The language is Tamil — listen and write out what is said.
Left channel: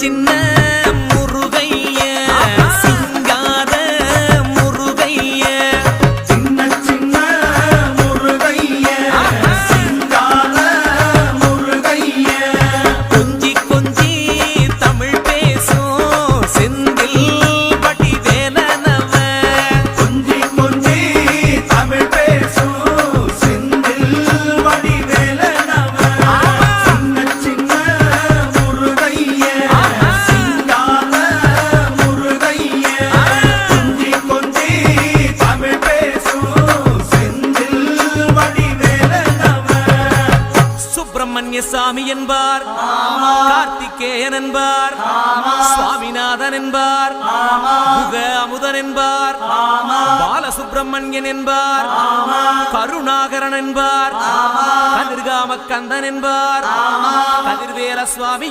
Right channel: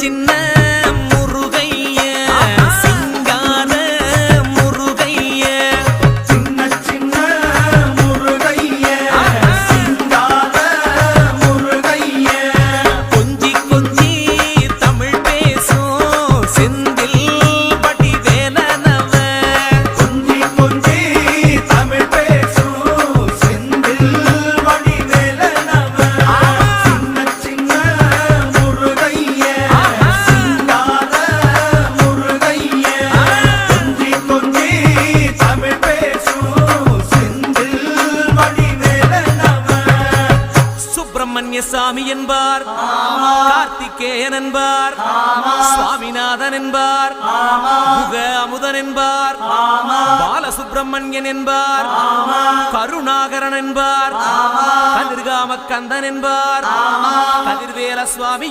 சின்ன முருகைய சிங்கார முருகைய சின்ன சின்ன முருகைய சிங்கார முருகைய கொஞ்சி கொஞ்சி தமிழ் பேசும் செந்தில் பட்டி வேலனவ கொஞ்சி கொஞ்சி தமிழ் பேசும் செந்தில் வடி வேலனவ சின்ன சின்ன முருகைய சிங்கார முருகைய கொஞ்சி கொஞ்சி தமிழ் பேசும் செந்தில் வடி வேலனவ சுப்பிரமணிய சாமி என்பார் கார்த்திகேயன் என்பார் சுவாமிநாதன் என்பார் முக அமுதன் என்பார் பாலசுப்பிரமணியன் என்பார் கருணாகரன் என்பார் கதிர்காம கந்தன் என்பார் கதிர்வேல சுவாமி